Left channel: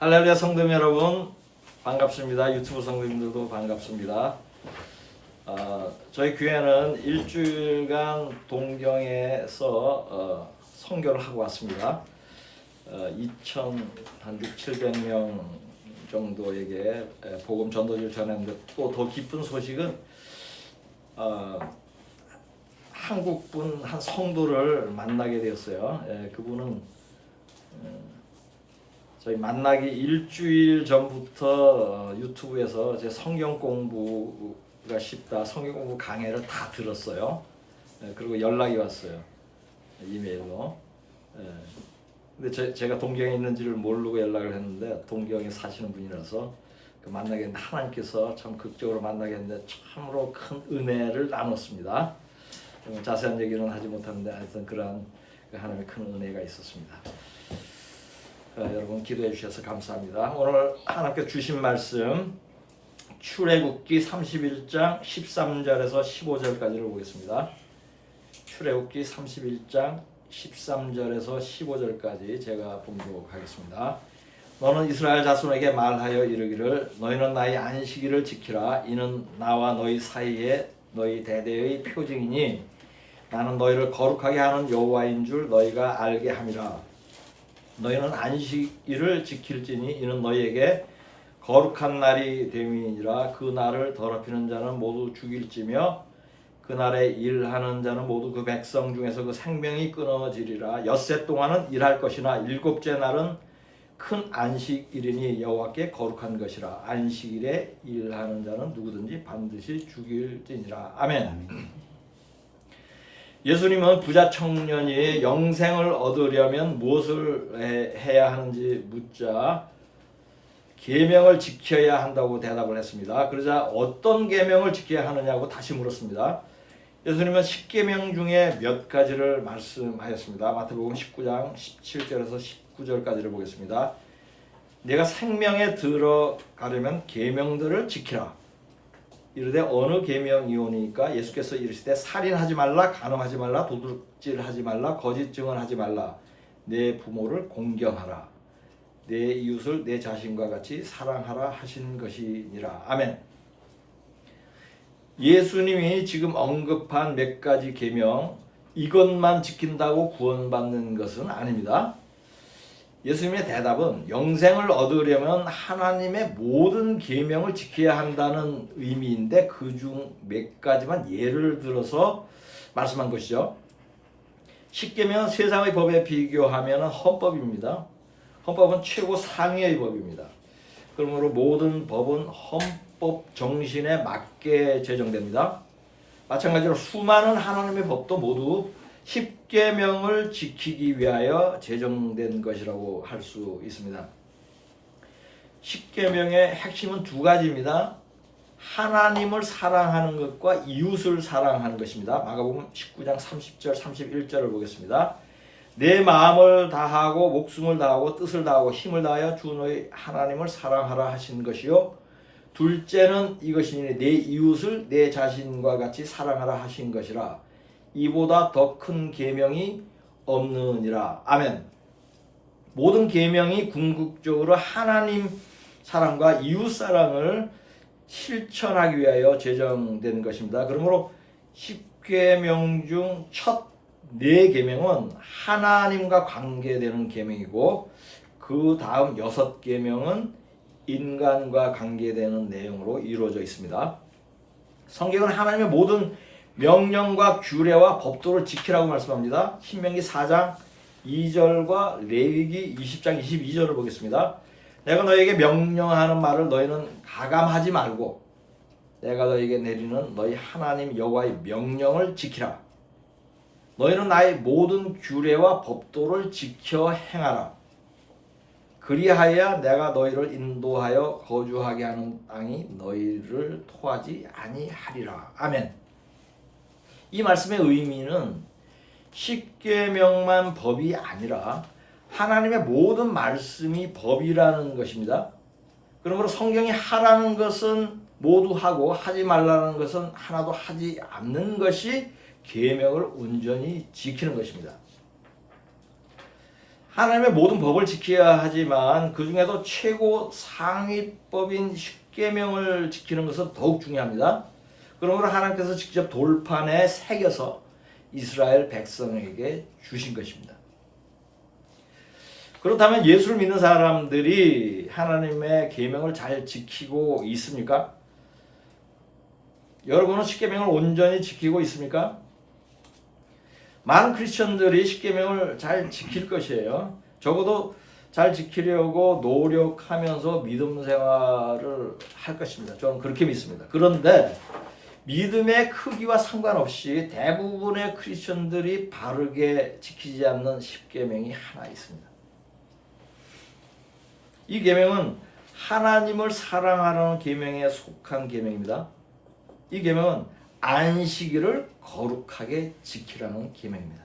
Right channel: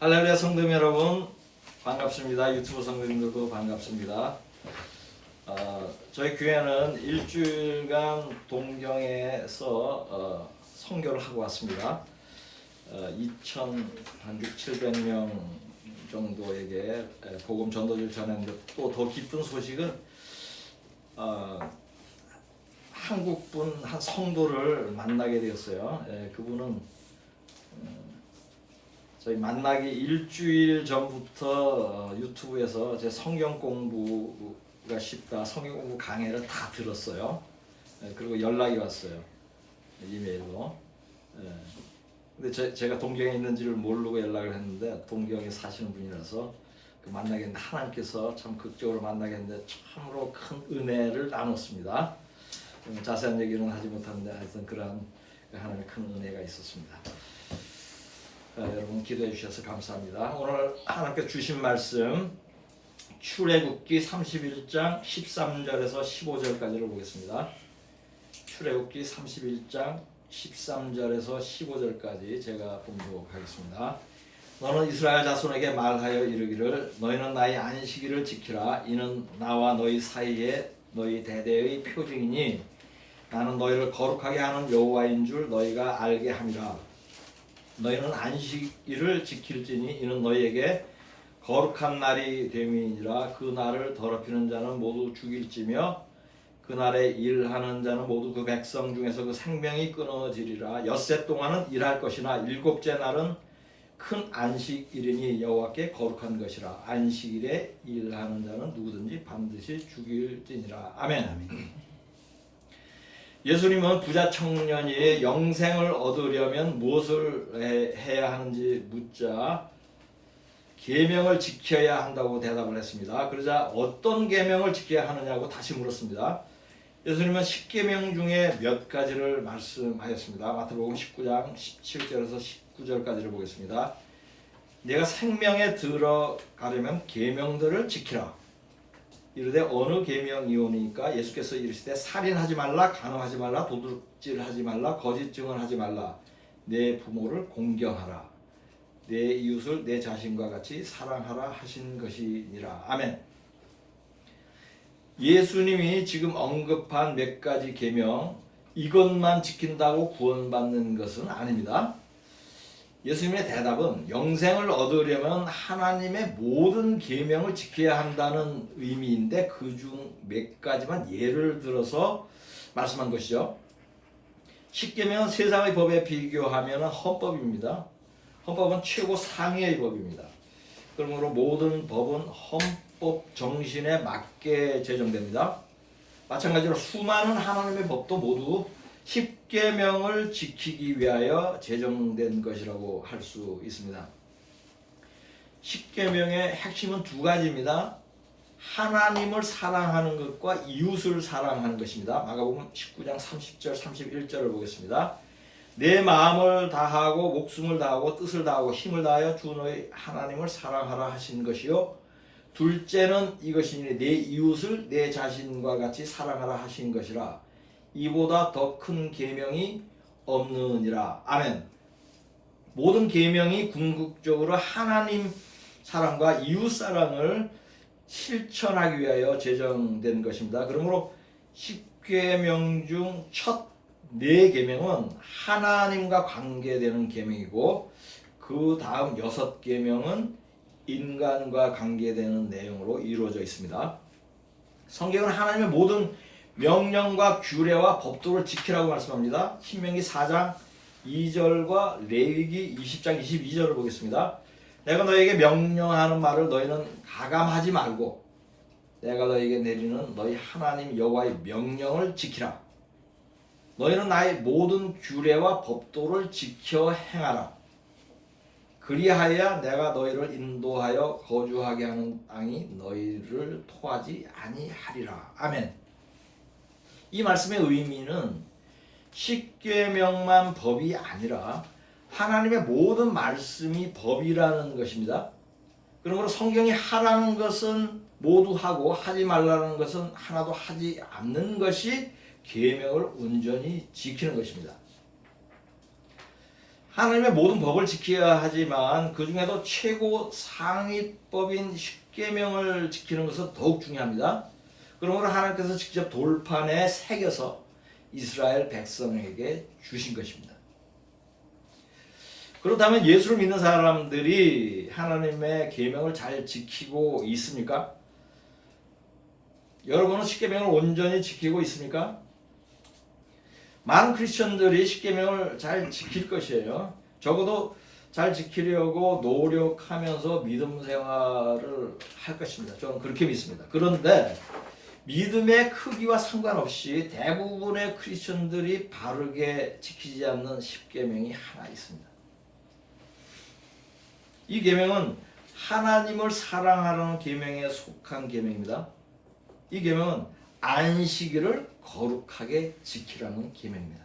할렐루야 성도님 여러분 반갑습니다. 유튜브 성도님들도 반갑습니다. 저희 교회는 일주일간 동경에서 선교를 하고 왔습니다. 2,700명 정도에게 복음 전도를 전했는데 또 더 기쁜 소식은 한국분 한 성도를 만나게 되었어요. 그분은 저희 만나기 일주일 전부터 유튜브에서 제 성경 공부가 쉽다 성경 공부 강의를 다 들었어요. 그리고 연락이 왔어요. 이메일로. 근데 제가 동경에 있는지를 모르고 연락을 했는데 동경에 사시는 분이라서 만나게 했는데 하나님께서 참 극적으로 만나게 했는데 참으로 큰 은혜를 나눴습니다. 자세한 얘기는 하지 못하는데 하여튼 그러한 하나님의 큰 은혜가 있었습니다. 여러분 기도해 주셔서 감사합니다. 오늘 하나님께 주신 말씀 출애굽기 31장 13절에서 15절까지를 보겠습니다. 출애굽기 31장 13절에서 15절까지 제가 봉독하겠습니다. 너는 이스라엘 자손에게 말하여 이르기를 너희는 나의 안식일을 지키라. 이는 나와 너희 사이에 너희 대대의 표징이니 나는 너희를 거룩하게 하는 여호와인 줄 너희가 알게 함이라. 너희는 안식일을 지킬지니 이는 너희에게 거룩한 날이 됨이니라. 그 날을 더럽히는 자는 모두 죽일지며 그 날에 일하는 자는 모두 그 백성 중에서 그 생명이 끊어지리라. 엿새 동안은 일할 것이나 일곱째 날은 큰 안식일이니 여호와께 거룩한 것이라. 안식일에 일하는 자는 누구든지 반드시 죽일지니라. 아멘. 예수님은 부자 청년이 영생을 얻으려면 무엇을 해야 하는지 묻자 계명을 지켜야 한다고 대답을 했습니다. 그러자 어떤 계명을 지켜야 하느냐고 다시 물었습니다. 예수님은 10계명 중에 몇 가지를 말씀하였습니다. 마태복음 19장 17절에서 19절까지를 보겠습니다. 내가 생명에 들어가려면 계명들을 지키라. 이르되 어느 계명이오니까 예수께서 이르시되 살인하지 말라, 간음하지 말라, 도둑질하지 말라, 거짓 증언하지 말라, 내 부모를 공경하라, 내 이웃을 내 자신과 같이 사랑하라 하신 것이니라. 아멘. 예수님이 지금 언급한 몇 가지 계명 이것만 지킨다고 구원받는 것은 아닙니다. 예수님의 대답은 영생을 얻으려면 하나님의 모든 계명을 지켜야 한다는 의미인데 그중 몇 가지만 예를 들어서 말씀한 것이죠. 10계명은 세상의 법에 비교하면 헌법입니다. 헌법은 최고 상위의 법입니다. 그러므로 모든 법은 헌법 정신에 맞게 제정됩니다. 마찬가지로 수많은 하나님의 법도 모두 10계명을 지키기 위하여 제정된 것이라고 할 수 있습니다. 10계명의 핵심은 두 가지입니다. 하나님을 사랑하는 것과 이웃을 사랑하는 것입니다. 마가복음 19장 30절 31절을 보겠습니다. 내 마음을 다하고 목숨을 다하고 뜻을 다하고 힘을 다하여 주 너희 하나님을 사랑하라 하신 것이요 둘째는 이것이니 내 이웃을 내 자신과 같이 사랑하라 하신 것이라. 이보다 더 큰 계명이 없느니라. 아멘. 모든 계명이 궁극적으로 하나님 사랑과 이웃 사랑을 실천하기 위하여 제정된 것입니다. 그러므로 10계명 중 첫 4계명은 하나님과 관계되는 계명이고 그 다음 6계명은 인간과 관계되는 내용으로 이루어져 있습니다. 성경은 하나님의 모든 명령과 규례와 법도를 지키라고 말씀합니다. 신명기 4장 2절과 레위기 20장 22절을 보겠습니다. 내가 너에게 명령하는 말을 너희는 가감하지 말고 내가 너에게 내리는 너희 하나님 여호와의 명령을 지키라. 너희는 나의 모든 규례와 법도를 지켜 행하라. 그리하여야 내가 너희를 인도하여 거주하게 하는 땅이 너희를 토하지 아니하리라. 아멘. 이 말씀의 의미는 10계명만 법이 아니라 하나님의 모든 말씀이 법이라는 것입니다. 그러므로 성경이 하라는 것은 모두 하고 하지 말라는 것은 하나도 하지 않는 것이 계명을 온전히 지키는 것입니다. 하나님의 모든 법을 지켜야 하지만 그 중에도 최고 상위법인 십계명을 지키는 것은 더욱 중요합니다. 그러므로 하나님께서 직접 돌판에 새겨서 이스라엘 백성에게 주신 것입니다. 그렇다면 예수를 믿는 사람들이 하나님의 계명을 잘 지키고 있습니까? 여러분은 십계명을 온전히 지키고 있습니까? 많은 크리스천들이 십계명을 잘 지킬 것이에요. 적어도 잘 지키려고 노력하면서 믿음 생활을 할 것입니다. 저는 그렇게 믿습니다. 그런데 믿음의 크기와 상관없이 대부분의 크리스천들이 바르게 지키지 않는 십계명이 하나 있습니다. 이 계명은 하나님을 사랑하라는 계명에 속한 계명입니다. 이 계명은 안식일을 거룩하게 지키라는 계명입니다.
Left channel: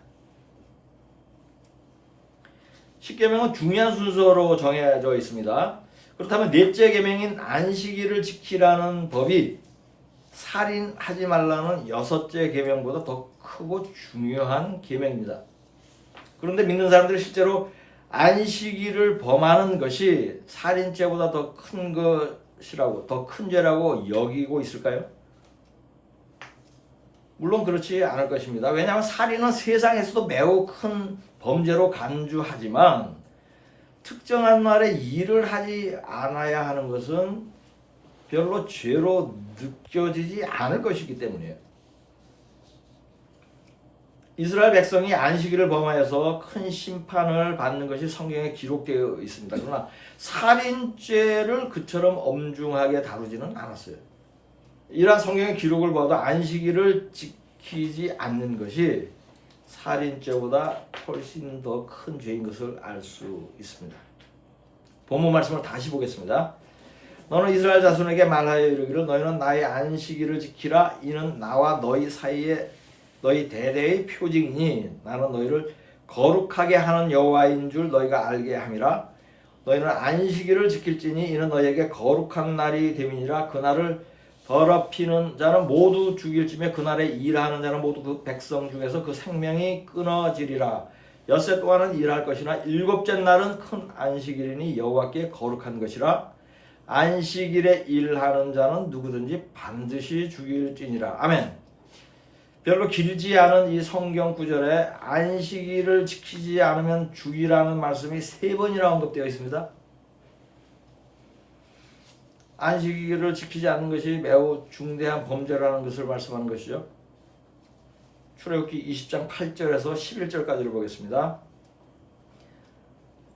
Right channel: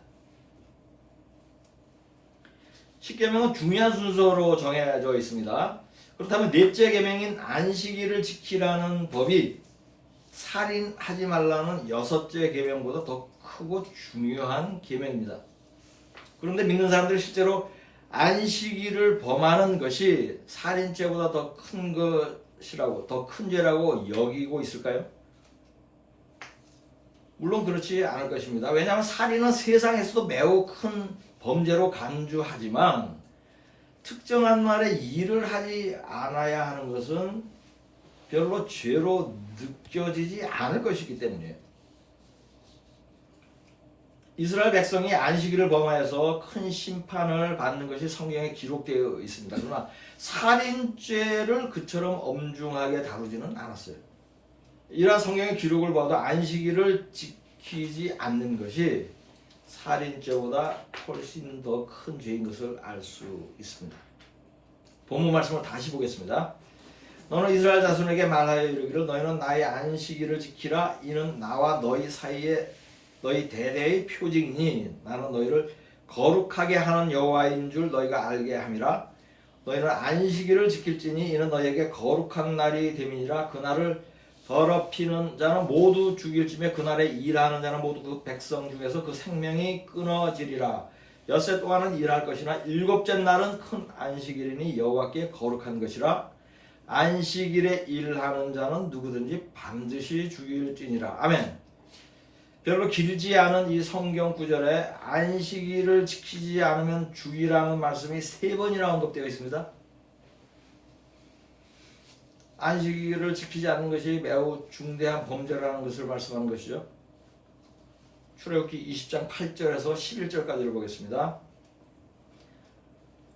십계명은 중요한 순서로 정해져 있습니다. 그렇다면 넷째 계명인 안식일을 지키라는 법이 살인하지 말라는 여섯째 계명보다 더 크고 중요한 계명입니다. 그런데 믿는 사람들이 실제로 안식일을 범하는 것이 살인죄보다 더 큰 것이라고, 더 큰 죄라고 여기고 있을까요? 물론 그렇지 않을 것입니다. 왜냐하면 살인은 세상에서도 매우 큰 범죄로 간주하지만 특정한 날에 일을 하지 않아야 하는 것은 별로 죄로 느껴지지 않을 것이기 때문이에요. 이스라엘 백성이 안식일을 범하여서 큰 심판을 받는 것이 성경에 기록되어 있습니다. 그러나 살인죄를 그처럼 엄중하게 다루지는 않았어요. 이러한 성경의 기록을 봐도 안식일을 지키지 않는 것이 살인죄보다 훨씬 더 큰 죄인 것을 알 수 있습니다. 본문 말씀을 다시 보겠습니다. 너는 이스라엘 자손에게 말하여 이르기를 너희는 나의 안식일을 지키라. 이는 나와 너희 사이에 너희 대대의 표징이니 나는 너희를 거룩하게 하는 여호와인 줄 너희가 알게 함이라. 너희는 안식일을 지킬지니 이는 너희에게 거룩한 날이 됨이니라. 그날을 더럽히는 자는 모두 죽일지며 그날에 일하는 자는 모두 그 백성 중에서 그 생명이 끊어지리라. 엿새 동안은 일할 것이나 일곱째 날은 큰 안식일이니 여호와께 거룩한 것이라. 안식일에 일하는 자는 누구든지 반드시 죽일지니라. 아멘. 별로 길지 않은 이 성경 구절에 안식일을 지키지 않으면 죽이라는 말씀이 3번이나 언급되어 있습니다. 안식일을 지키지 않는 것이 매우 중대한 범죄라는 것을 말씀하는 것이죠. 출애굽기 20장 8절에서 11절까지를 보겠습니다.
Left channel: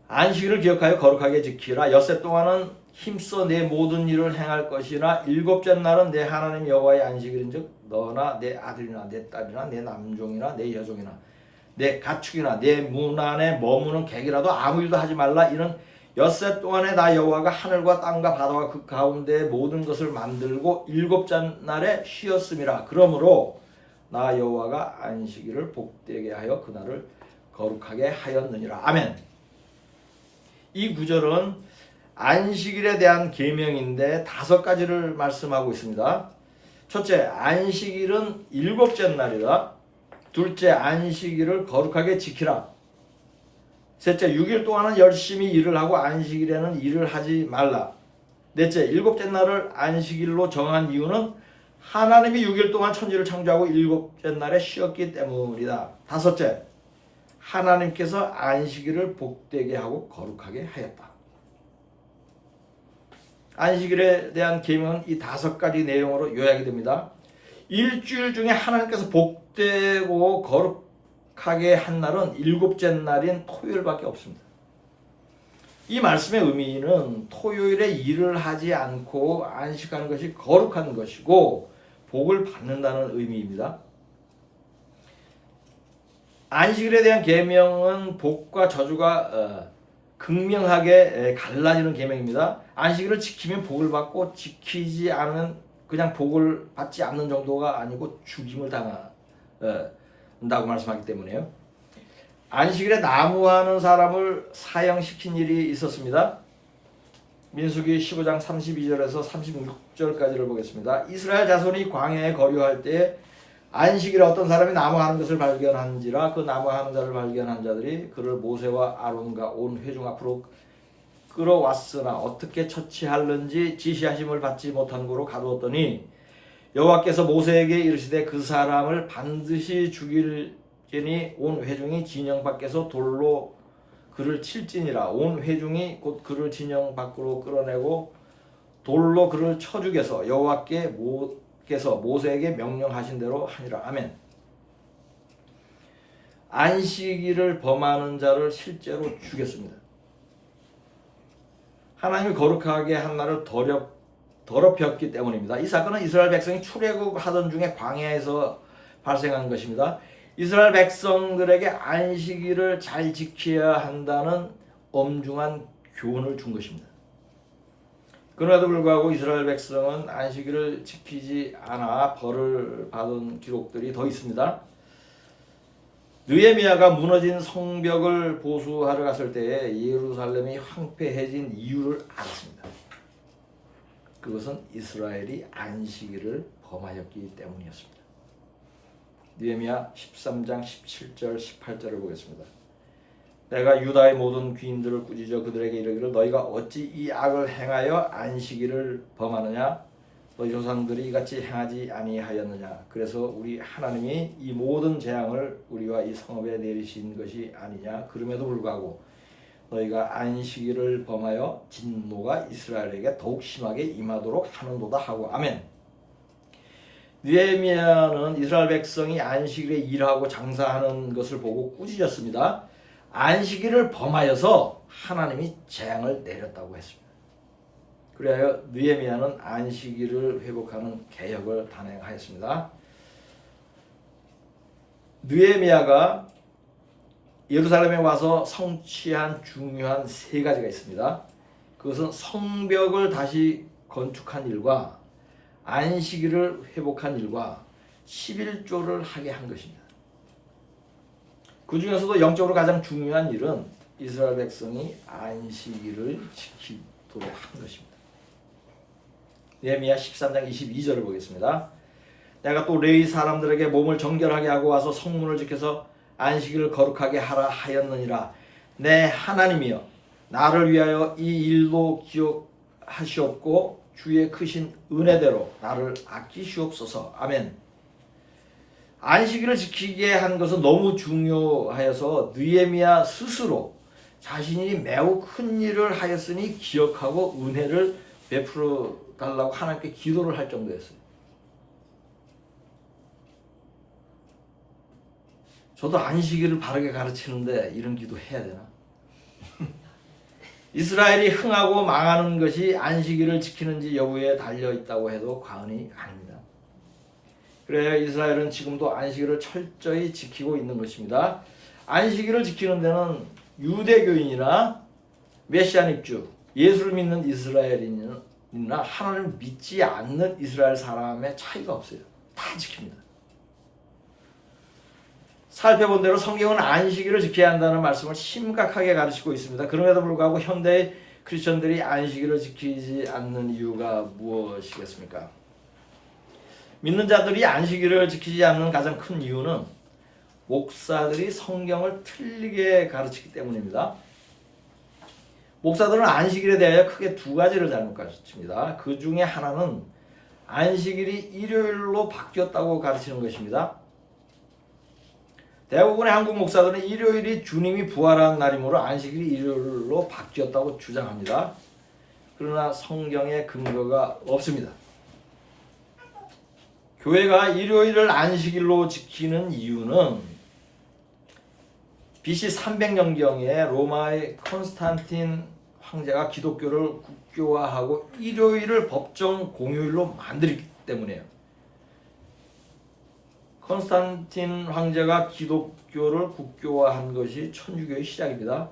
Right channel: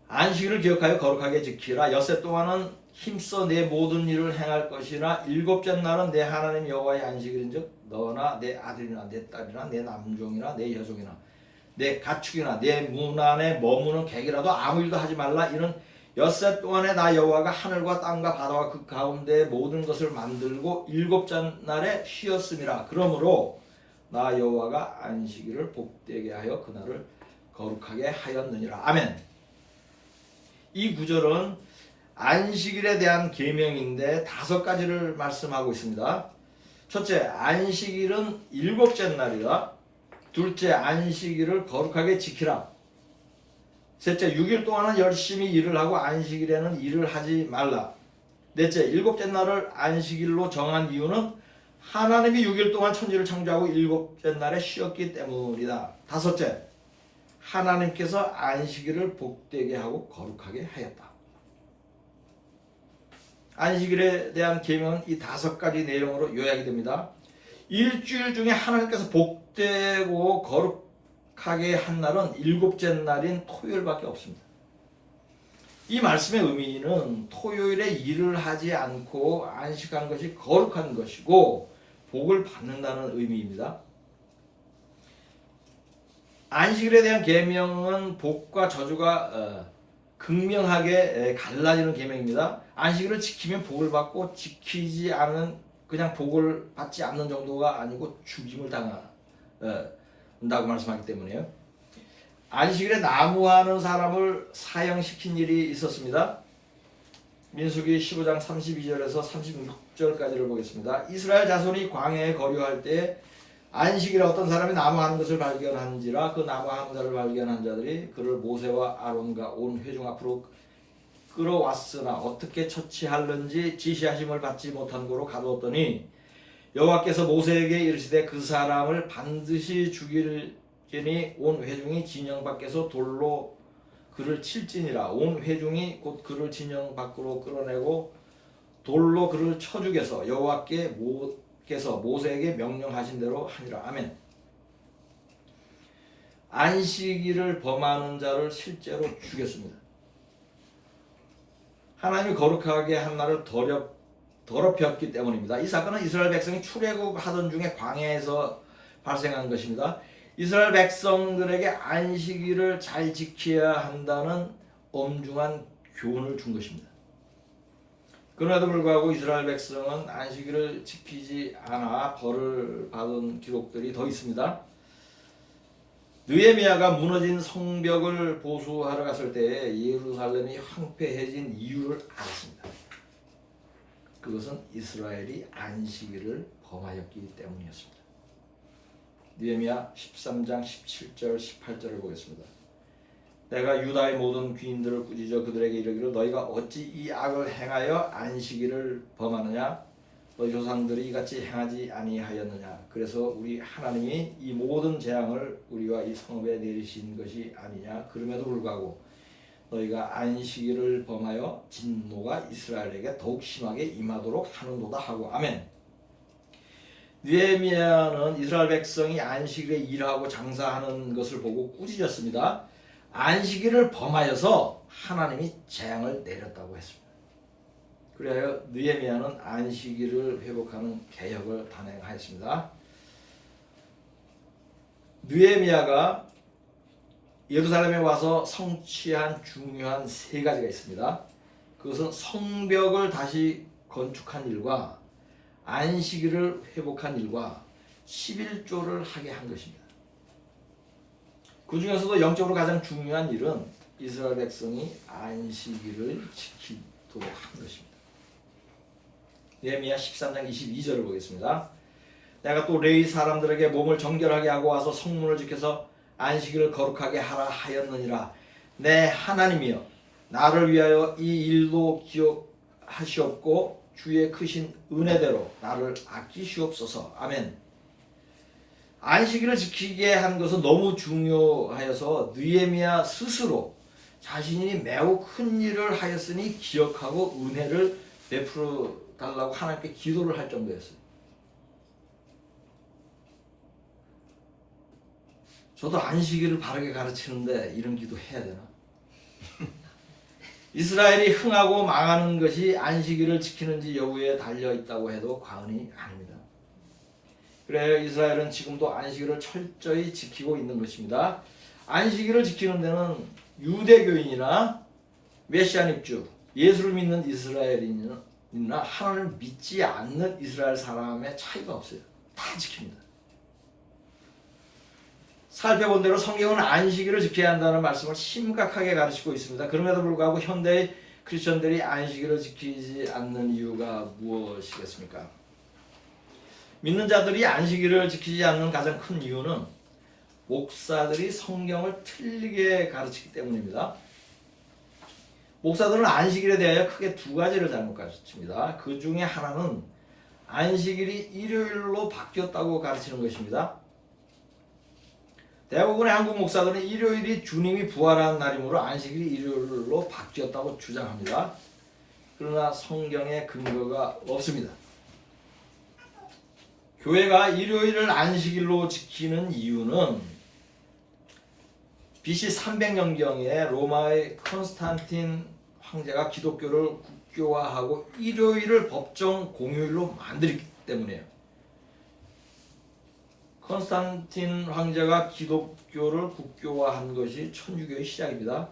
안식일을 기억하여 거룩하게 지키라. 엿새 동안은 힘써 내 모든 일을 행할 것이나 일곱째 날은 내 하나님 여호와의 안식일인즉 너나 내 아들이나 내 딸이나 내 남종이나 내 여종이나 내 가축이나 내 문 안에 머무는 객이라도 아무 일도 하지 말라. 이는 엿새 동안에 나 여호와가 하늘과 땅과 바다와 그 가운데 모든 것을 만들고 일곱째 날에 쉬었음이라. 그러므로 나 여호와가 안식일을 복되게 하여 그날을 거룩하게 하였느니라. 아멘. 이 구절은 안식일에 대한 계명인데 5가지를 말씀하고 있습니다. 첫째, 안식일은 일곱째 날이다. 둘째, 안식일을 거룩하게 지키라. 셋째, 6일 동안은 열심히 일을 하고 안식일에는 일을 하지 말라. 넷째, 일곱째 날을 안식일로 정한 이유는 하나님이 6일 동안 천지를 창조하고 일곱째 날에 쉬었기 때문이다. 다섯째, 하나님께서 안식일을 복되게 하고 거룩하게 하였다. 안식일에 대한 계명은 이 5가지 내용으로 요약이 됩니다. 일주일 중에 하나님께서 복되고 거룩하게 한 날은 일곱째 날인 토요일밖에 없습니다. 이 말씀의 의미는 토요일에 일을 하지 않고 안식하는 것이 거룩한 것이고 복을 받는다는 의미입니다. 안식일에 대한 계명은 복과 저주가 극명하게 갈라지는 계명입니다. 안식일을 지키면 복을 받고 지키지 않은 그냥 복을 받지 않는 정도가 아니고 죽임을 당한다고 말씀하기 때문에요. 안식일에 나무하는 사람을 사형시킨 일이 있었습니다. 민수기 15장 32절에서 36절까지를 보겠습니다. 이스라엘 자손이 광야에 거류할 때 안식일에 어떤 사람이 나무하는 것을 발견한지라 그 나무하는 자를 발견한 자들이 그를 모세와 아론과 온 회중 앞으로 끌어왔으나 어떻게 처치할는지 지시하심을 받지 못한 고로 가두었더니 여호와께서 모세에게 이르시되 그 사람을 반드시 죽일지니 온 회중이 진영 밖에서 돌로 그를 칠지니라. 온 회중이 곧 그를 진영 밖으로 끌어내고 돌로 그를 쳐 죽여서 여호와께서 모세에게 명령하신 대로 하니라. 아멘. 안식일을 범하는 자를 실제로 죽였습니다. 하나님이 거룩하게 한 날을 더럽혔기 때문입니다. 이 사건은 이스라엘 백성이 출애굽하던 중에 광야에서 발생한 것입니다. 이스라엘 백성들에게 안식일을 잘 지켜야 한다는 엄중한 교훈을 준 것입니다. 그럼에도 불구하고 이스라엘 백성은 안식일을 지키지 않아 벌을 받은 기록들이 더 있습니다. 느헤미야가 무너진 성벽을 보수하러 갔을 때 예루살렘이 황폐해진 이유를 알았습니다. 그것은 이스라엘이 안식일을 범하였기 때문이었습니다. 느헤미야 13장 17절 18절을 보겠습니다. 내가 유다의 모든 귀인들을 꾸짖어 그들에게 이르기를 너희가 어찌 이 악을 행하여 안식일을 범하느냐? 너희 조상들이 이같이 행하지 아니하였느냐? 그래서 우리 하나님이 이 모든 재앙을 우리와 이 성읍에 내리신 것이 아니냐? 그럼에도 불구하고 너희가 안식일을 범하여 진노가 이스라엘에게 더욱 심하게 임하도록 하는도다 하고 아멘. 느헤미야는 이스라엘 백성이 안식일에 일하고 장사하는 것을 보고 꾸짖었습니다. 안식일을 범하여서 하나님이 재앙을 내렸다고 했습니다. 그래야 느헤미야는 안식일을 회복하는 개혁을 단행하였습니다. 느헤미야가 예루살렘에 와서 성취한 중요한 세 가지가 있습니다. 그것은 성벽을 다시 건축한 일과 안식일을 회복한 일과 11조를 하게 한 것입니다. 그 중에서도 영적으로 가장 중요한 일은 이스라엘 백성이 안식일을 지키도록 한 것입니다. 느헤미야 13장 22절을 보겠습니다. 내가 또 레위 사람들에게 몸을 정결하게 하고 와서 성문을 지켜서 안식일을 거룩하게 하라 하였느니라. 내 하나님이여 나를 위하여 이 일도 기억하시옵고 주의 크신 은혜대로 나를 아끼시옵소서. 아멘. 안식일을 지키게 한 것은 너무 중요하여서 느헤미야 스스로 자신이 매우 큰 일을 하였으니 기억하고 은혜를 베풀어 달라고 하나님께 기도를 할 정도였어요. 저도 안식일을 바르게 가르치는데 이런 기도 해야 되나? 이스라엘이 흥하고 망하는 것이 안식일을 지키는지 여부에 달려 있다고 해도 과언이 아닙니다. 그래야 이스라엘은 지금도 안식일을 철저히 지키고 있는 것입니다. 안식일을 지키는 데는 유대교인이나 메시아닉주, 예수를 믿는 이스라엘인이나 하나님을 믿지 않는 이스라엘 사람의 차이가 없어요. 다 지킵니다. 살펴본 대로 성경은 안식일을 지켜야 한다는 말씀을 심각하게 가르치고 있습니다. 그럼에도 불구하고 현대의 크리스천들이 안식일을 지키지 않는 이유가 무엇이겠습니까? 믿는 자들이 안식일을 지키지 않는 가장 큰 이유는 목사들이 성경을 틀리게 가르치기 때문입니다. 목사들은 안식일에 대하여 크게 두 가지를 잘못 가르칩니다. 그 중에 하나는 안식일이 일요일로 바뀌었다고 가르치는 것입니다. 대부분의 한국 목사들은 일요일이 주님이 부활한 날이므로 안식일이 일요일로 바뀌었다고 주장합니다. 그러나 성경에 근거가 없습니다. 교회가 일요일을 안식일로 지키는 이유는 BC 300년경에 로마의 콘스탄틴 황제가 기독교를 국교화하고 일요일을 법정 공휴일로 만들기 때문이에요. 콘스탄틴 황제가 기독교를 국교화한 것이 천주교의 시작입니다.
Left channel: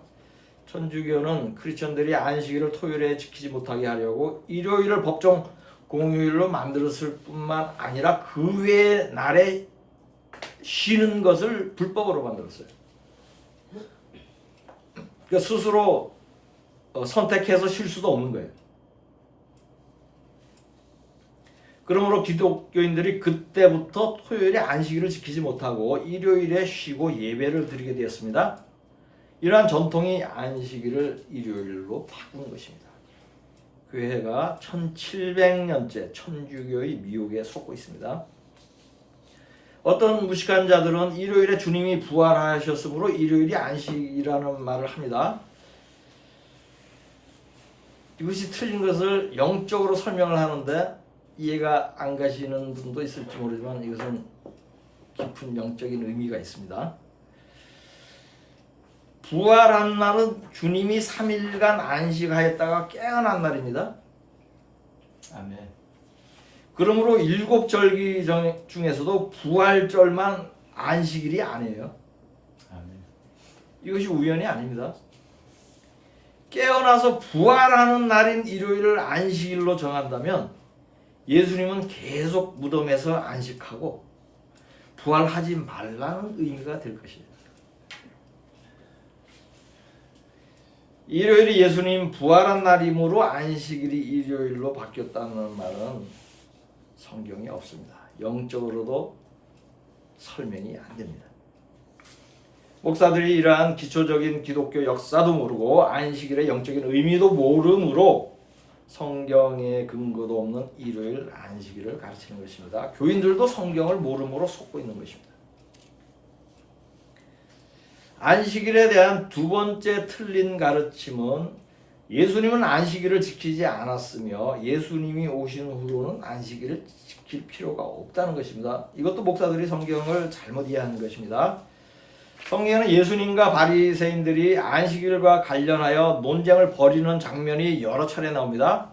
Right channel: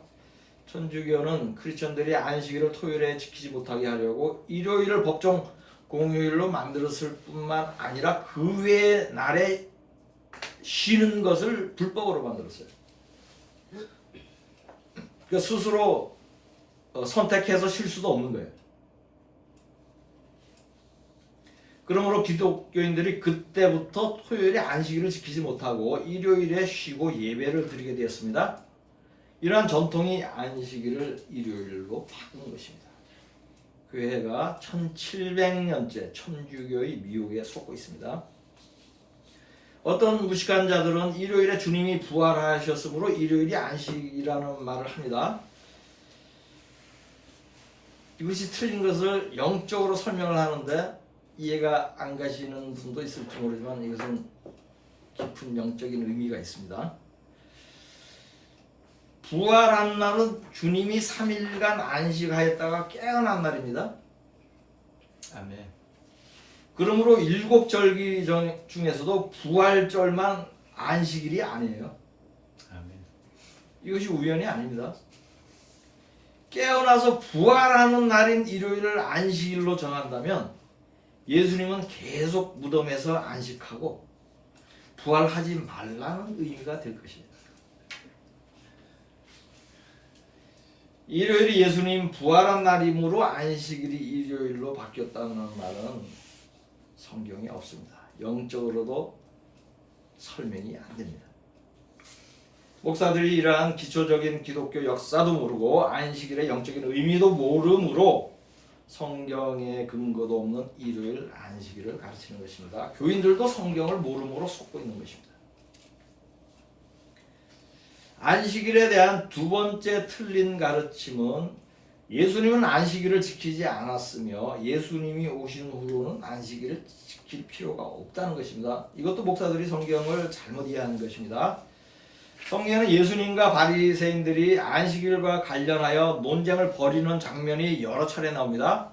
천주교는 크리스천들이 안식일을 토요일에 지키지 못하게 하려고 일요일을 법정 공휴일로 만들었을 뿐만 아니라 그 외의 날에 쉬는 것을 불법으로 만들었어요. 그러니까 스스로 선택해서 쉴 수도 없는 거예요. 그러므로 기독교인들이 그때부터 토요일에 안식일을 지키지 못하고 일요일에 쉬고 예배를 드리게 되었습니다. 이러한 전통이 안식일을 일요일로 바꾼 것입니다. 교회가 1700년째 천주교의 미혹에 속고 있습니다. 어떤 무식한 자들은 일요일에 주님이 부활하셨으므로 일요일이 안식이라는 말을 합니다. 이것이 틀린 것을 영적으로 설명을 하는데 이해가 안 가시는 분도 있을지 모르지만 이것은 깊은 영적인 의미가 있습니다. 부활한 날은 주님이 3일간 안식하였다가 깨어난 날입니다. 아멘. 그러므로 7절기 중에서도 부활절만 안식일이 아니에요. 아멘. 이것이 우연이 아닙니다. 깨어나서 부활하는 날인 일요일을 안식일로 정한다면 예수님은 계속 무덤에서 안식하고 부활하지 말라는 의미가 될 것이에요. 일요일이 예수님 부활한 날이므로 안식일이 일요일로 바뀌었다는 말은 성경에 없습니다. 영적으로도 설명이 안 됩니다. 목사들이 이러한 기초적인 기독교 역사도 모르고 안식일의 영적인 의미도 모르므로 성경에 근거도 없는 일요일 안식일을 가르치는 것입니다. 교인들도 성경을 모르므로 속고 있는 것입니다. 안식일에 대한 두 번째 틀린 가르침은 예수님은 안식일을 지키지 않았으며 예수님이 오신 후로는 안식일을 지킬 필요가 없다는 것입니다. 이것도 목사들이 성경을 잘못 이해하는 것입니다. 성경에는 예수님과 바리새인들이 안식일과 관련하여 논쟁을 벌이는 장면이 여러 차례 나옵니다.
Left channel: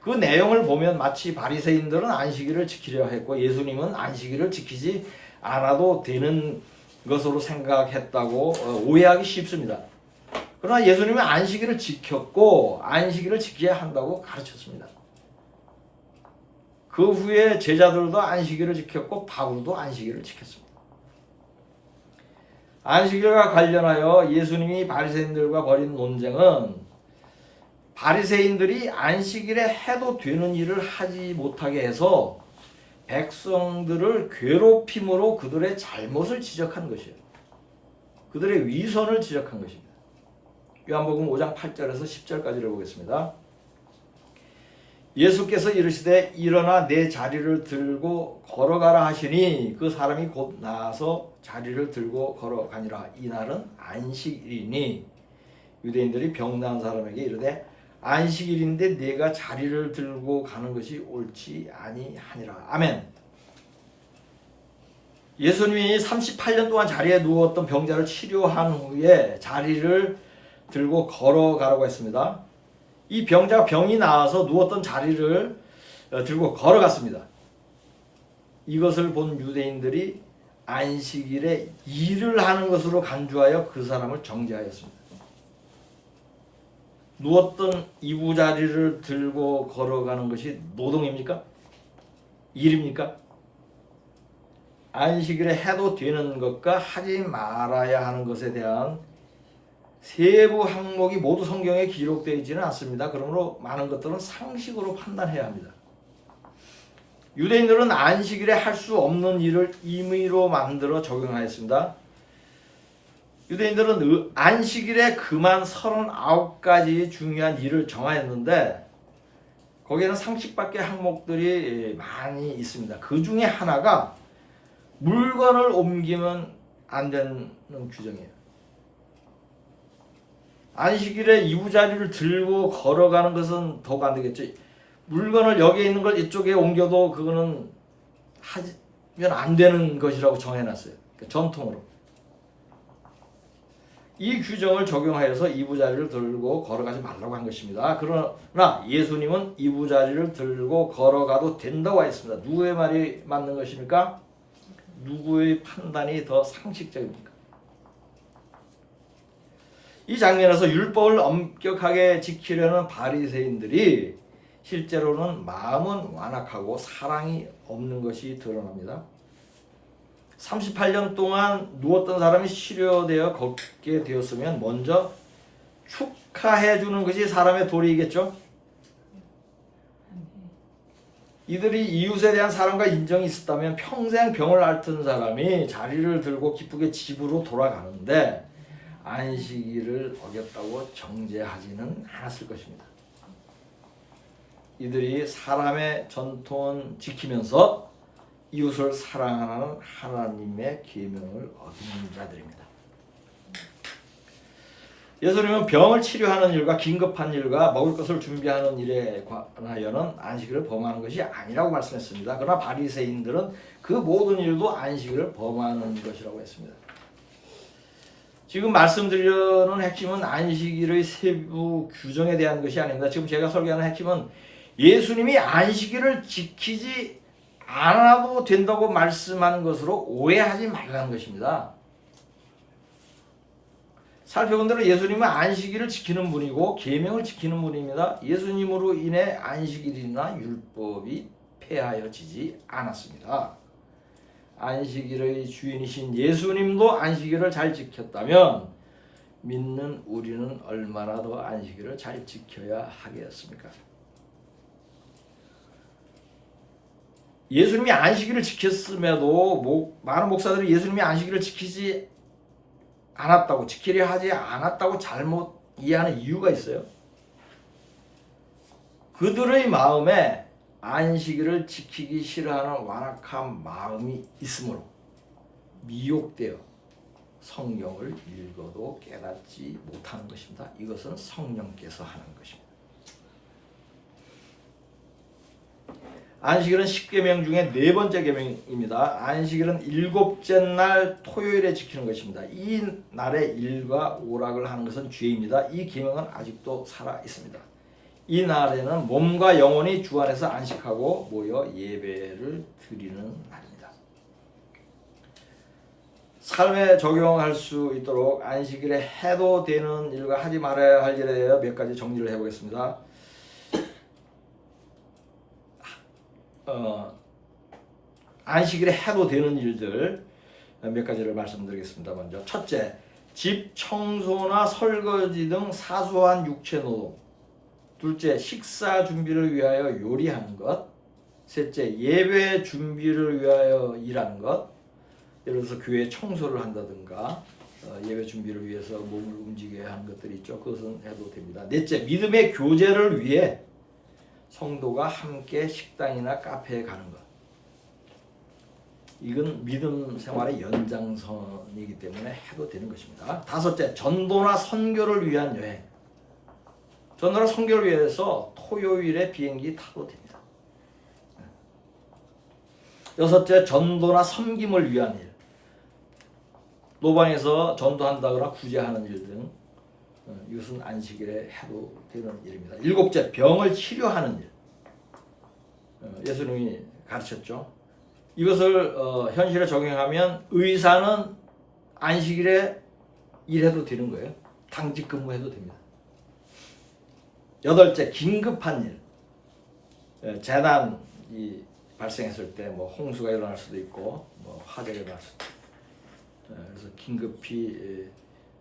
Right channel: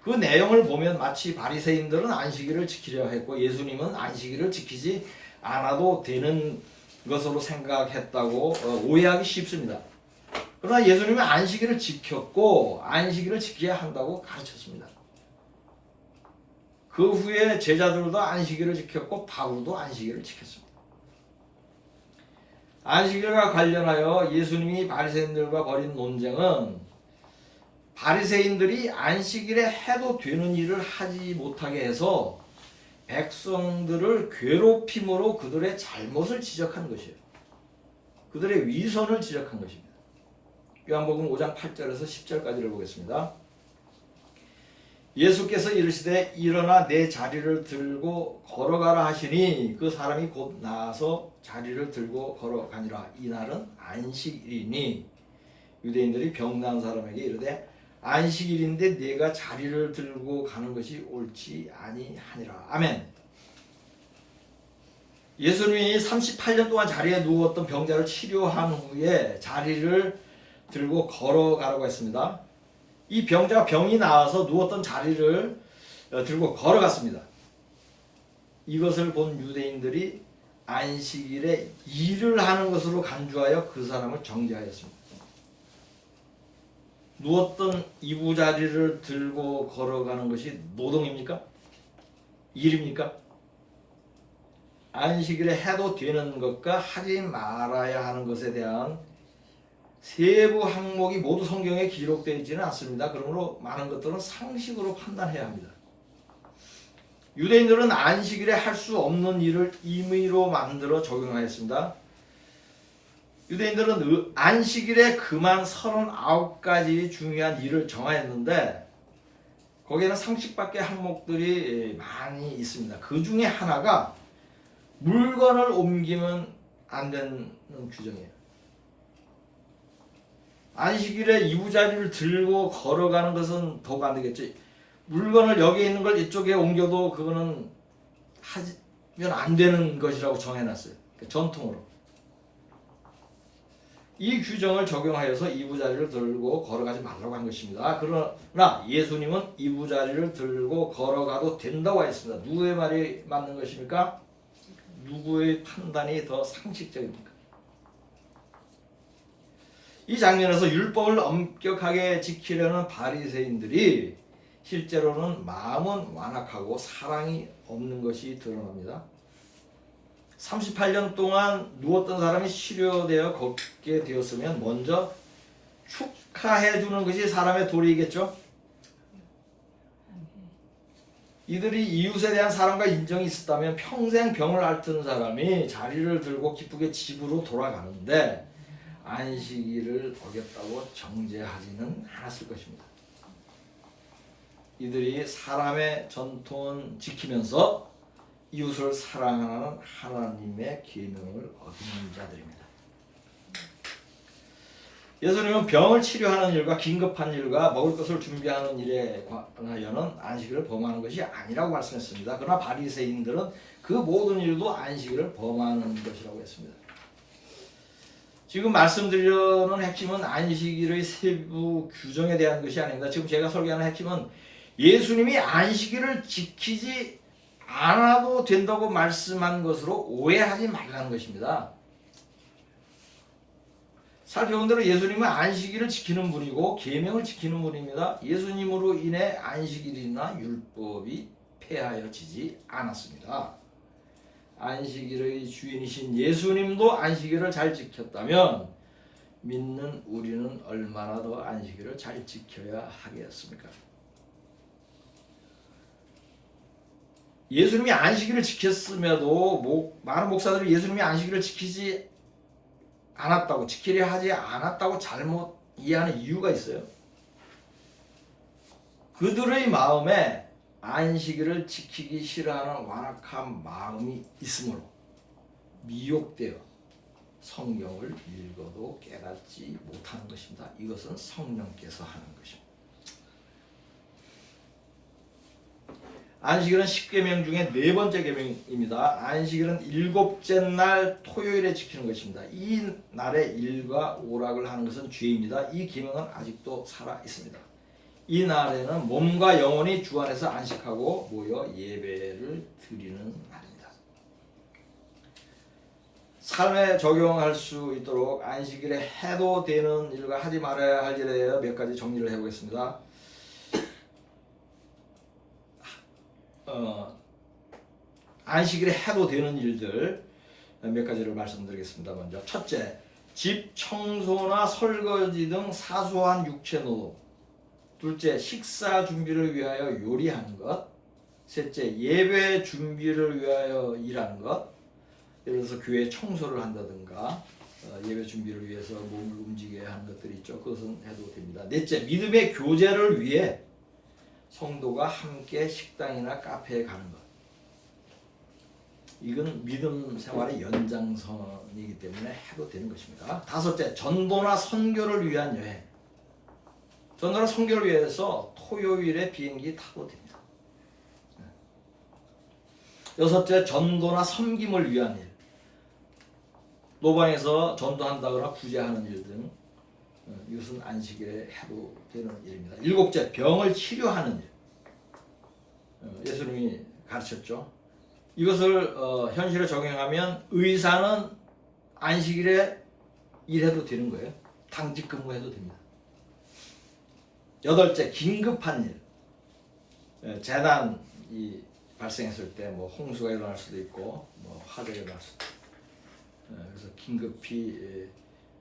그 내용을 보면 마치 바리새인들은 안식일을 지키려 했고 예수님은 안식일을 지키지 않아도 되는 것으로 생각했다고 오해하기 쉽습니다. 그러나 예수님은 안식일을 지켰고 안식일을 지켜야 한다고 가르쳤습니다. 그 후에 제자들도 안식일을 지켰고 바울도 안식일을 지켰습니다. 안식일과 관련하여 예수님이 바리새인들과 벌인 논쟁은 바리새인들이 안식일에 해도 되는 일을 하지 못하게 해서 백성들을 괴롭힘으로 그들의 잘못을 지적한 것이에요. 그들의 위선을 지적한 것입니다. 요한복음 5장 8절에서 10절까지를 보겠습니다. 예수께서 이르시되 일어나 내 자리를 들고 걸어가라 하시니 그 사람이 곧 나아서 자리를 들고 걸어가니라. 이날은 안식일이니 유대인들이 병난 사람에게 이르되 안식일인데 네가 자리를 들고 가는 것이 옳지 아니하니라. 아멘. 예수님이 38년 동안 자리에 누웠던 병자를 치료한 후에 자리를 들고 걸어가라고 했습니다. 이 병자가 병이 나와서 누웠던 자리를 들고 걸어갔습니다. 이것을 본 유대인들이 안식일에 일을 하는 것으로 간주하여 그 사람을 정죄하였습니다. 누웠던 이부자리를 들고 걸어가는 것이 노동입니까? 일입니까? 안식일에 해도 되는 것과 하지 말아야 하는 것에 대한 세부 항목이 모두 성경에 기록되어 있지는 않습니다. 그러므로 많은 것들은 상식으로 판단해야 합니다. 유대인들은 안식일에 할 수 없는 일을 임의로 만들어 적용하였습니다. 유대인들은 안식일에 그만 39가지 중요한 일을 정하였는데 거기에는 상식밖의 항목들이 많이 있습니다. 그 중에 하나가 물건을 옮기면 안 되는 규정이에요. 안식일에 이부자리를 들고 걸어가는 것은 더욱 안 되겠죠. 물건을 여기에 있는 걸 이쪽에 옮겨도 그거는 하면 안 되는 것이라고 정해놨어요. 전통으로. 이 규정을 적용하여서 이부자리를 들고 걸어가지 말라고 한 것입니다. 그러나 예수님은 이부자리를 들고 걸어가도 된다고 했습니다. 누구의 말이 맞는 것입니까? 누구의 판단이 더 상식적입니까? 이 장면에서 율법을 엄격하게 지키려는 바리새인들이 실제로는 마음은 완악하고 사랑이 없는 것이 드러납니다. 38년 동안 누웠던 사람이 치료되어 걷게 되었으면 먼저 축하해 주는 것이 사람의 도리이겠죠. 이들이 이웃에 대한 사랑과 인정이 있었다면 평생 병을 앓던 사람이 자리를 들고 기쁘게 집으로 돌아가는데 안식일을 어겼다고 정죄하지는 않았을 것입니다. 이들이 사람의 전통은 지키면서 이웃을 사랑하는 하나님의 계명을 어기는 자들입니다. 예수님은 병을 치료하는 일과 긴급한 일과 먹을 것을 준비하는 일에 관하여는 안식일을 범하는 것이 아니라고 말씀했습니다. 그러나 바리새인들은 그 모든 일도 안식일을 범하는 것이라고 했습니다. 지금 말씀드리려는 핵심은 안식일의 세부 규정에 대한 것이 아닙니다. 지금 제가 설교하는 핵심은 예수님이 안식일을 지키지 않아도 된다고 말씀한 것으로 오해하지 말라는 것입니다. 살펴본 대로 예수님은 안식일을 지키는 분이고 계명을 지키는 분입니다. 예수님으로 인해 안식일이나 율법이 폐하여지지 않았습니다. 안식일의 주인이신 예수님도 안식일을 잘 지켰다면 믿는 우리는 얼마나 더 안식일을 잘 지켜야 하겠습니까? 예수님이 안식일을 지켰음에도 많은 목사들이 예수님이 안식일을 지키지 않았다고, 지키려 하지 않았다고 잘못 이해하는 이유가 있어요. 그들의 마음에 안식일을 지키기 싫어하는 완악한 마음이 있으므로 미혹되어 성경을 읽어도 깨닫지 못하는 것입니다. 이것은 성령께서 하는 것입니다. 안식일은 10계명 중에 네 번째 계명입니다. 안식일은 일곱째 날 토요일에 지키는 것입니다. 이 날에 일과 오락을 하는 것은 죄입니다. 이 계명은 아직도 살아 있습니다. 이 날에는 몸과 영혼이 주 안에서 안식하고 모여 예배를 드리는 날입니다. 삶에 적용할 수 있도록 안식일에 해도 되는 일과 하지 말아야 할 일에 대해 몇 가지 정리를 해보겠습니다. 안식일에 해도 되는 일들 몇 가지를 말씀드리겠습니다. 먼저 첫째, 집 청소나 설거지 등 사소한 육체 노동. 둘째, 식사 준비를 위하여 요리하는 것. 셋째, 예배 준비를 위하여 일하는 것. 예를 들어서 교회 청소를 한다든가 예배 준비를 위해서 몸을 움직여야 하는 것들이 있죠. 그것은 해도 됩니다. 넷째, 믿음의 교제를 위해 성도가 함께 식당이나 카페에 가는 것. 이건 믿음 생활의 연장선이기 때문에 해도 되는 것입니다. 다섯째, 전도나 선교를 위한 여행. 전도나 선교를 위해서 토요일에 비행기 타도 됩니다. 여섯째, 전도나 섬김을 위한 일. 노방에서 전도한다거나 구제하는 일 등 이것은 안식일에 해도 되는 일입니다. 일곱째, 병을 치료하는 일. 예수님이 가르쳤죠. 이것을 현실에 적용하면 의사는 안식일에 일해도 되는 거예요. 당직 근무해도 됩니다. 여덟째, 긴급한 일. 재난이 발생했을 때 뭐 홍수가 일어날 수도 있고 뭐 화재가 일어날 수도 있고 그래서 긴급히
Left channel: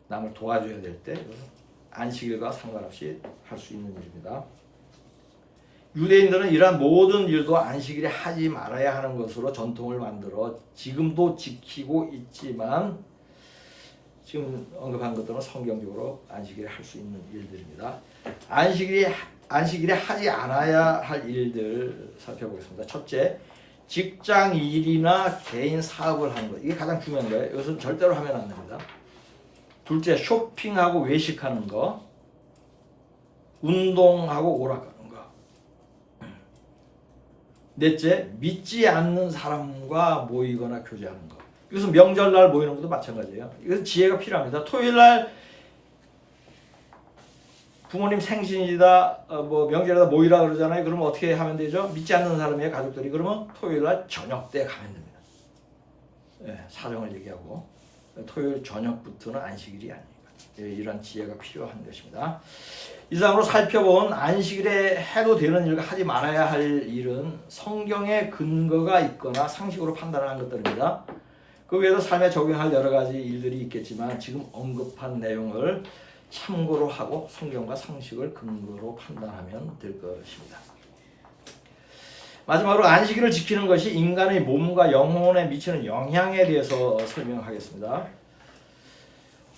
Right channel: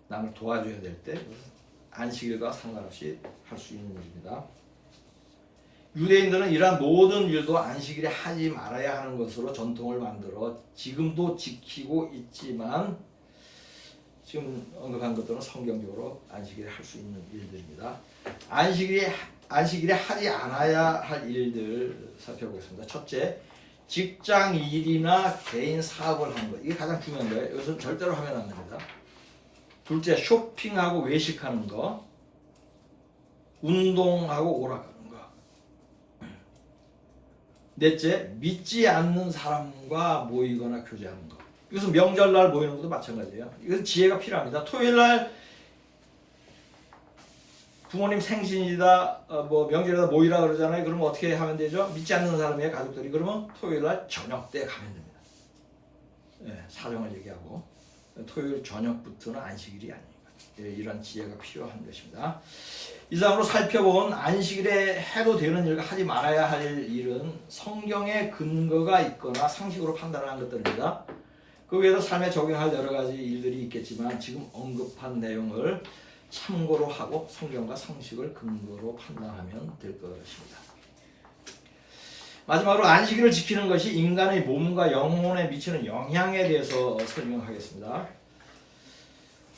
남을 도와줘야 될 때 안식일과 상관없이 할 수 있는 일입니다. 유대인들은 이러한 모든 일도 안식일에 하지 말아야 하는 것으로 전통을 만들어 지금도 지키고 있지만 지금 언급한 것들은 성경적으로 안식일에 할 수 있는 일들입니다. 안식일에 하지 않아야 할 일들 살펴보겠습니다. 첫째, 직장 일이나 개인 사업을 하는 것. 이게 가장 중요한 거예요. 이것은 절대로 하면 안 됩니다. 둘째, 쇼핑하고 외식하는 거. 운동하고 오락가는 거. 넷째, 믿지 않는 사람과 모이거나 교제하는 것. 이것은 명절날 모이는 것도 마찬가지예요. 이것은 지혜가 필요합니다. 토요일날 부모님 생신이다, 뭐 명절이다 모이라 그러잖아요. 그러면 어떻게 하면 되죠? 믿지 않는 사람의 가족들이 그러면 토요일날 저녁 때 가면 됩니다. 사정을 얘기하고 토요일 저녁부터는 안식일이 아닙니다. 이런 지혜가 필요한 것입니다. 이상으로 살펴본 안식일에 해도 되는 일과 하지 말아야 할 일은 성경에 근거가 있거나 상식으로 판단하는 것들입니다. 그 외에도 삶에 적용할 여러 가지 일들이 있겠지만 지금 언급한 내용을 참고로 하고 성경과 상식을 근거로 판단하면 될 것입니다. 마지막으로 안식일을 지키는 것이 인간의 몸과 영혼에 미치는 영향에 대해서 설명하겠습니다.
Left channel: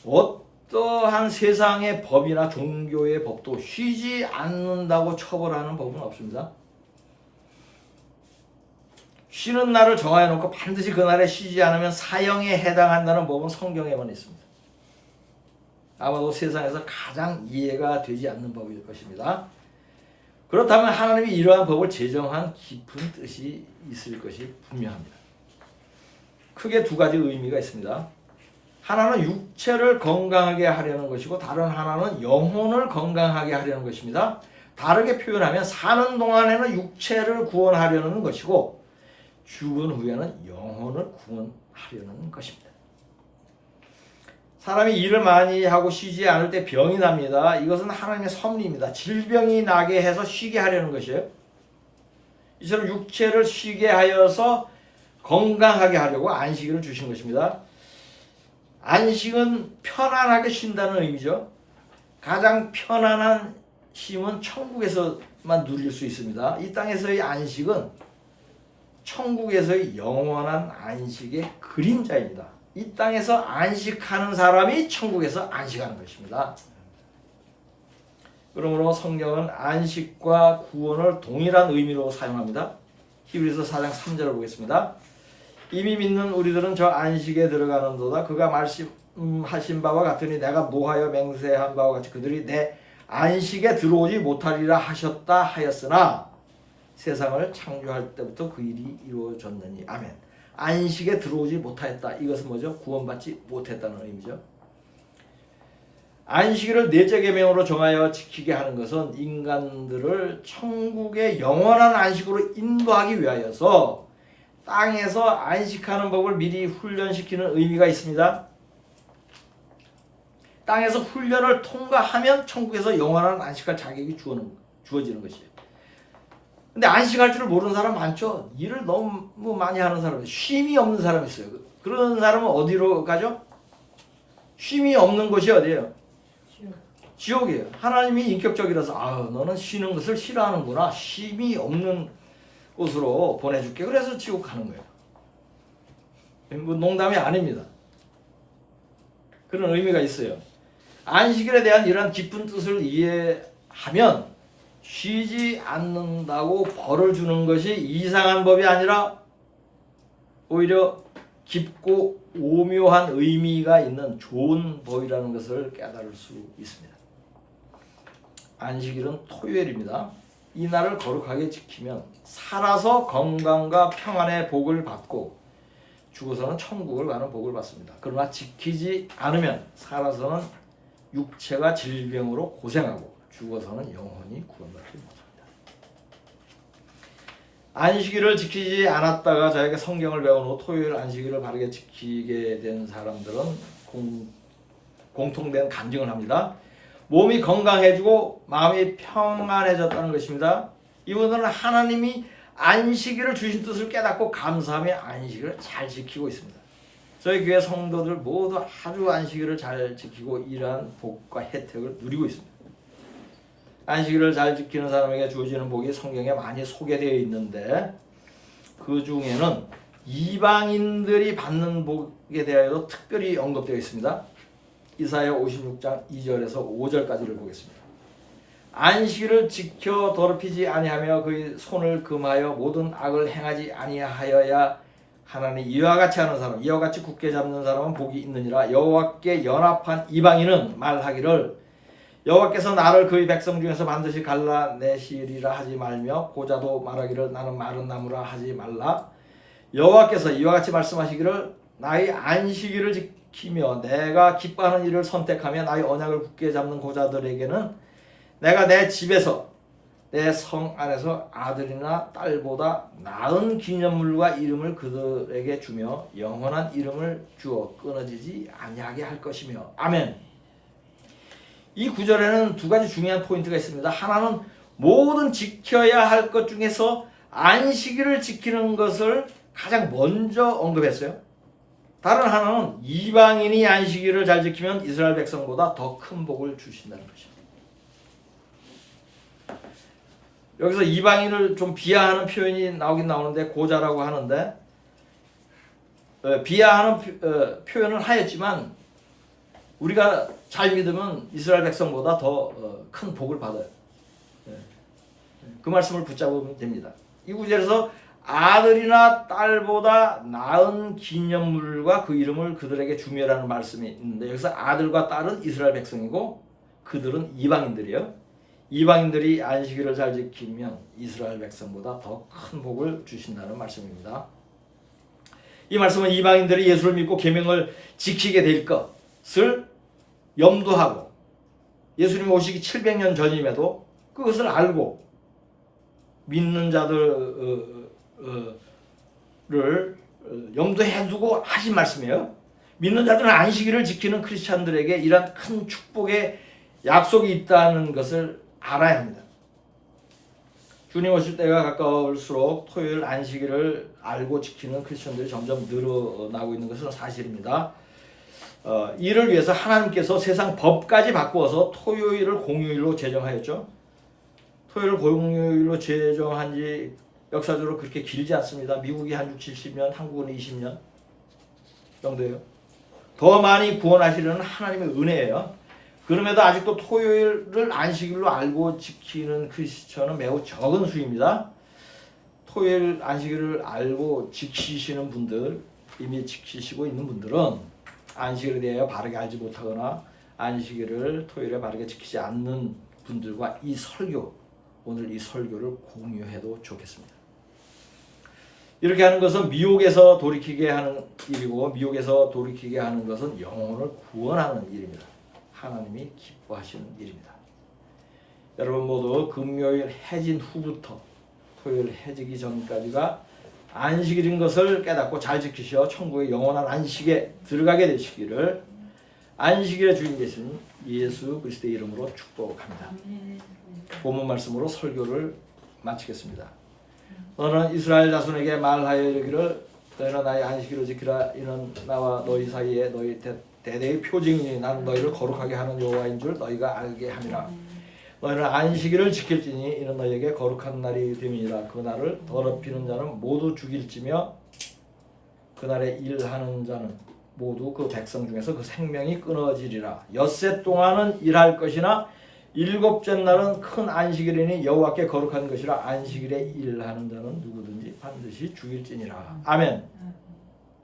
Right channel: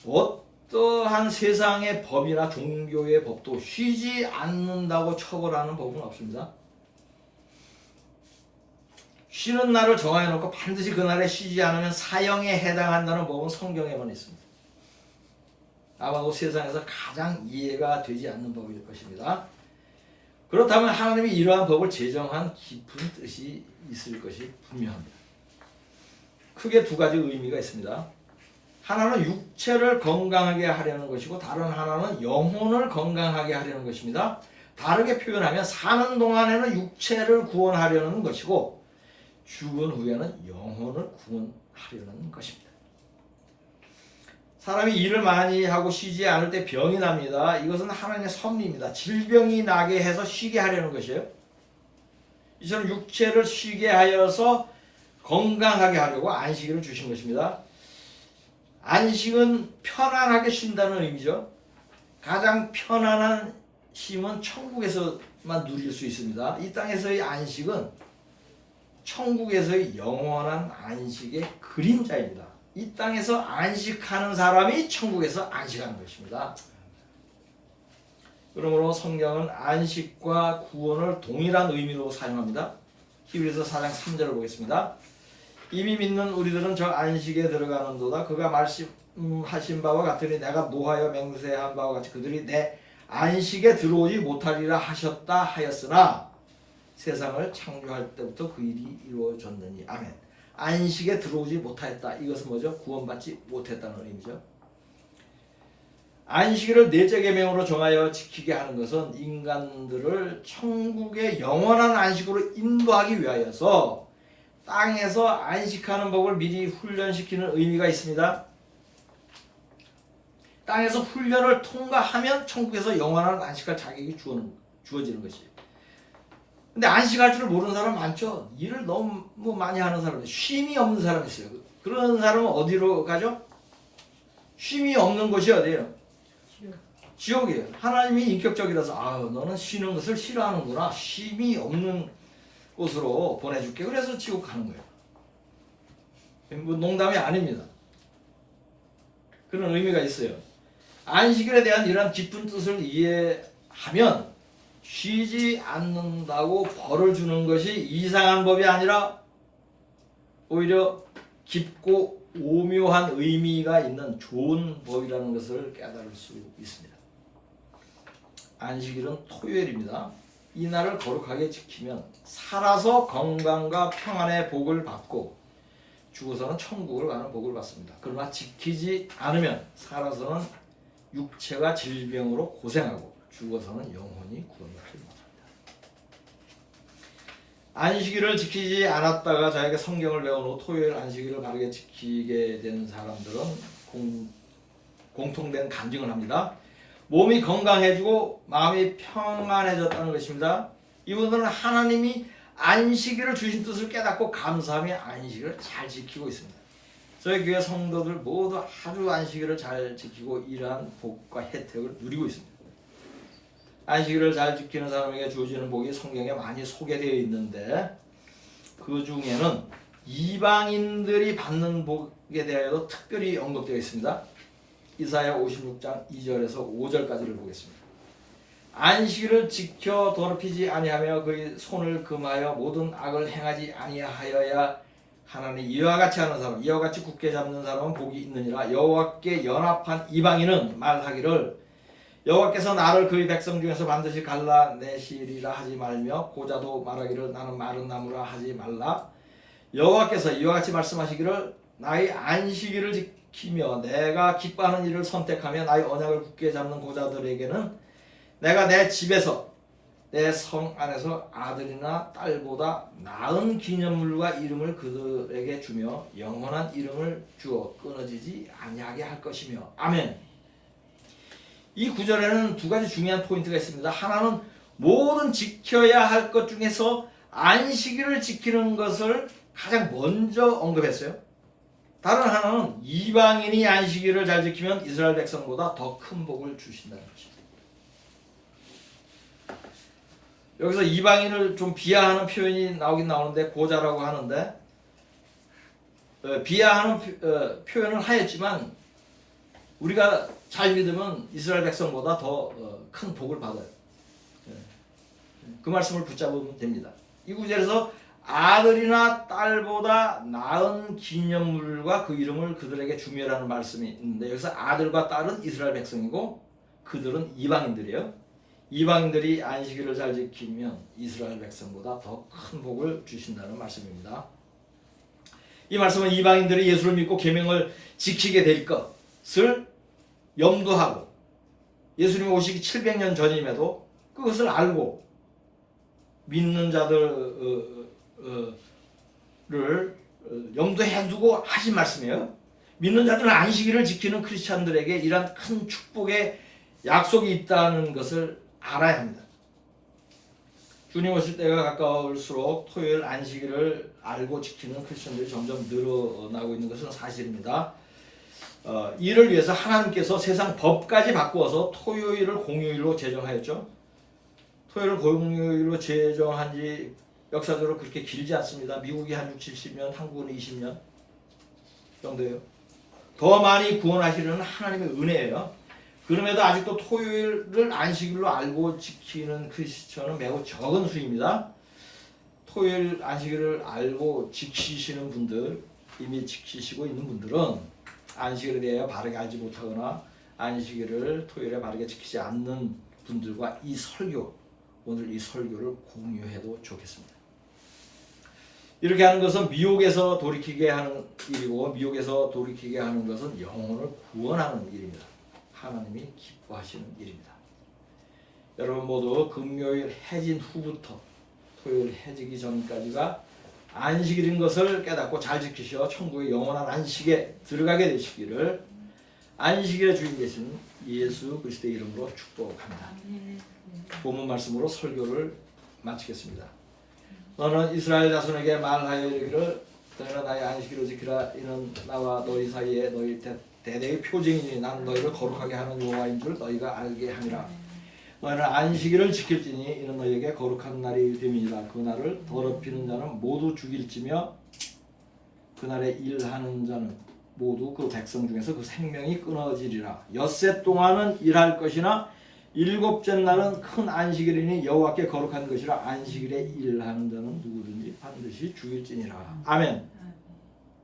어떠한 세상의 법이나 종교의 법도 쉬지 않는다고 처벌하는 법은 없습니다. 쉬는 날을 정해놓고 반드시 그날에 쉬지 않으면 사형에 해당한다는 법은 성경에만 있습니다. 아마도 세상에서 가장 이해가 되지 않는 법일 것입니다. 그렇다면 하나님이 이러한 법을 제정한 깊은 뜻이 있을 것이 분명합니다. 크게 두 가지 의미가 있습니다. 하나는 육체를 건강하게 하려는 것이고 다른 하나는 영혼을 건강하게 하려는 것입니다. 다르게 표현하면 사는 동안에는 육체를 구원하려는 것이고 죽은 후에는 영혼을 구원하려는 것입니다. 사람이 일을 많이 하고 쉬지 않을 때 병이 납니다. 이것은 하나님의 섭리입니다. 질병이 나게 해서 쉬게 하려는 것이에요. 이처럼 육체를 쉬게 하여서 건강하게 하려고 안식일을 주신 것입니다. 안식은 편안하게 쉰다는 의미죠. 가장 편안한 쉼은 천국에서만 누릴 수 있습니다. 이 땅에서의 안식은 천국에서의 영원한 안식의 그림자입니다. 이 땅에서 안식하는 사람이 천국에서 안식하는 것입니다. 그러므로 성경은 안식과 구원을 동일한 의미로 사용합니다. 히브리서 4장 3절을 보겠습니다. 이미 믿는 우리들은 저 안식에 들어가는도다. 그가 말씀하신 바와 같으니 내가 노하여 맹세한 바와 같이 그들이 내 안식에 들어오지 못하리라 하셨다 하였으나 세상을 창조할 때부터 그 일이 이루어졌느니. 아멘. 안식에 들어오지 못하였다. 이것은 뭐죠? 구원받지 못했다는 의미죠. 안식일을 넷째 계명으로 정하여 지키게 하는 것은 인간들을 천국의 영원한 안식으로 인도하기 위하여서 땅에서 안식하는 법을 미리 훈련시키는 의미가 있습니다. 땅에서 훈련을 통과하면 천국에서 영원한 안식할 자격이 주어지는 것이에요. 근데 안식할 줄을 모르는 사람 많죠. 일을 너무 많이 하는 사람, 쉼이 없는 사람이 있어요. 그런 사람은 어디로 가죠? 쉼이 없는 곳이 어디예요? 지옥이에요. 하나님이 인격적이라서 너는 쉬는 것을 싫어하는구나. 쉼이 없는 곳으로 보내줄게. 그래서 지옥 가는 거예요. 뭐 농담이 아닙니다. 그런 의미가 있어요. 안식일에 대한 이런 깊은 뜻을 이해하면 쉬지 않는다고 벌을 주는 것이 이상한 법이 아니라 오히려 깊고 오묘한 의미가 있는 좋은 법이라는 것을 깨달을 수 있습니다. 안식일은 토요일입니다. 이 날을 거룩하게 지키면 살아서 건강과 평안의 복을 받고 죽어서는 천국을 가는 복을 받습니다. 그러나 지키지 않으면 살아서는 육체가 질병으로 고생하고 죽어서는 영혼이 구원받지 못합니다. 안식일을 지키지 않았다가 저에게 성경을 배운 후 토요일 안식일을 바르게 지키게 된 사람들은 공통된 간증을 합니다. 몸이 건강해지고 마음이 평안해졌다는 것입니다. 이분들은 하나님이 안식일을 주신 뜻을 깨닫고 감사하며 안식일을 잘 지키고 있습니다. 저희 교회 성도들 모두 아주 안식일을 잘 지키고 이러한 복과 혜택을 누리고 있습니다. 안식일을 잘 지키는 사람에게 주어지는 복이 성경에 많이 소개되어 있는데 그 중에는 이방인들이 받는 복에 대하여도 특별히 언급되어 있습니다. 이사야 56장 2절에서 5절까지를 보겠습니다. 안식일을 지켜 더럽히지 아니하며 그의 손을 금하여 모든 악을 행하지 아니하여야 하나니 이와 같이 하는 사람, 이와 같이 굳게 잡는 사람은 복이 있느니라. 여호와께 연합한 이방인은 말하기를 여호와께서 나를 그의 백성 중에서 반드시 갈라내시리라 하지 말며 고자도 말하기를 나는 마른 나무라 하지 말라. 여호와께서 이와 같이 말씀하시기를 나의 안식일을 지키며 내가 기뻐하는 일을 선택하며 나의 언약을 굳게 잡는 고자들에게는 내가 내 집에서 내 성 안에서 아들이나 딸보다 나은 기념물과 이름을 그들에게 주며 영원한 이름을 주어 끊어지지 아니하게 할 것이며. 아멘. 이 구절에는 두 가지 중요한 포인트가 있습니다. 하나는 모든 지켜야 할 것 중에서 안식일을 지키는 것을 가장 먼저 언급했어요. 다른 하나는 이방인이 안식일을 잘 지키면 이스라엘 백성보다 더 큰 복을 주신다는 것입니다. 여기서 이방인을 좀 비하하는 표현이 나오긴 나오는데 고자라고 하는데 비하하는 표현을 하였지만 우리가 잘 믿으면 이스라엘 백성보다 더 큰 복을 받아요. 그 말씀을 붙잡으면 됩니다. 이 구절에서 아들이나 딸보다 나은 기념물과 그 이름을 그들에게 주며라는 말씀이 있는데 여기서 아들과 딸은 이스라엘 백성이고 그들은 이방인들이에요. 이방인들이 안식일을 잘 지키면 이스라엘 백성보다 더 큰 복을 주신다는 말씀입니다. 이 말씀은 이방인들이 예수를 믿고 계명을 지키게 될 것을 염두하고 예수님이 오시기 700년 전임에도 그것을 알고 믿는 자들을 염두해 두고 하신 말씀이에요. 믿는 자들은 안식일을 지키는 크리스찬들에게 이런 큰 축복의 약속이 있다는 것을 알아야 합니다. 주님 오실 때가 가까울수록 토요일 안식일을 알고 지키는 크리스천들이 점점 늘어나고 있는 것은 사실입니다. 이를 위해서 하나님께서 세상 법까지 바꾸어서 토요일을 공휴일로 제정하였죠. 토요일을 공휴일로 제정한 지 역사적으로 그렇게 길지 않습니다. 미국이 한 6, 70년, 한국은 20년 정도예요. 더 많이 구원하시려는 하나님의 은혜예요. 그럼에도 아직도 토요일을 안식일로 알고 지키는 크리스천은 매우 적은 수입니다. 토요일 안식일을 알고 지키시는 분들, 이미 지키시고 있는 분들은 안식일에 대해 바르게 알지 못하거나 안식일을 토요일에 바르게 지키지 않는 분들과 이 설교, 오늘 이 설교를 공유해도 좋겠습니다. 이렇게 하는 것은 미혹에서 돌이키게 하는 일이고 미혹에서 돌이키게 하는 것은 영혼을 구원하는 일입니다. 하나님이 기뻐하시는 일입니다. 여러분 모두 금요일 해진 후부터 토요일 해지기 전까지가 안식일인 것을 깨닫고 잘 지키셔 천국의 영원한 안식에 들어가게 되시기를 안식일의 주인 되신 예수 그리스도의 이름으로 축복합니다. 본문 말씀으로 설교를 마치겠습니다. 너는 이스라엘 자손에게 말하여 이르기를 너희는 나의 안식일을 지키라. 이는 나와 너희 사이에 너희 대대의 표징이니 나는 너희를 거룩하게 하는 여호와인 줄 너희가 알게 함이라. 너희는 안식일을 지킬지니 이는 너희에게 거룩한 날이 됨이니라. 그 날을 더럽히는 자는 모두 죽일지며 그날에 일하는 자는 모두 그 백성 중에서 그 생명이 끊어지리라. 엿새 동안은 일할 것이나 일곱째 날은 큰 안식일이니 여호와께 거룩한 것이라. 안식일에 일하는 자는 누구든지 반드시 죽일지니라. 아멘.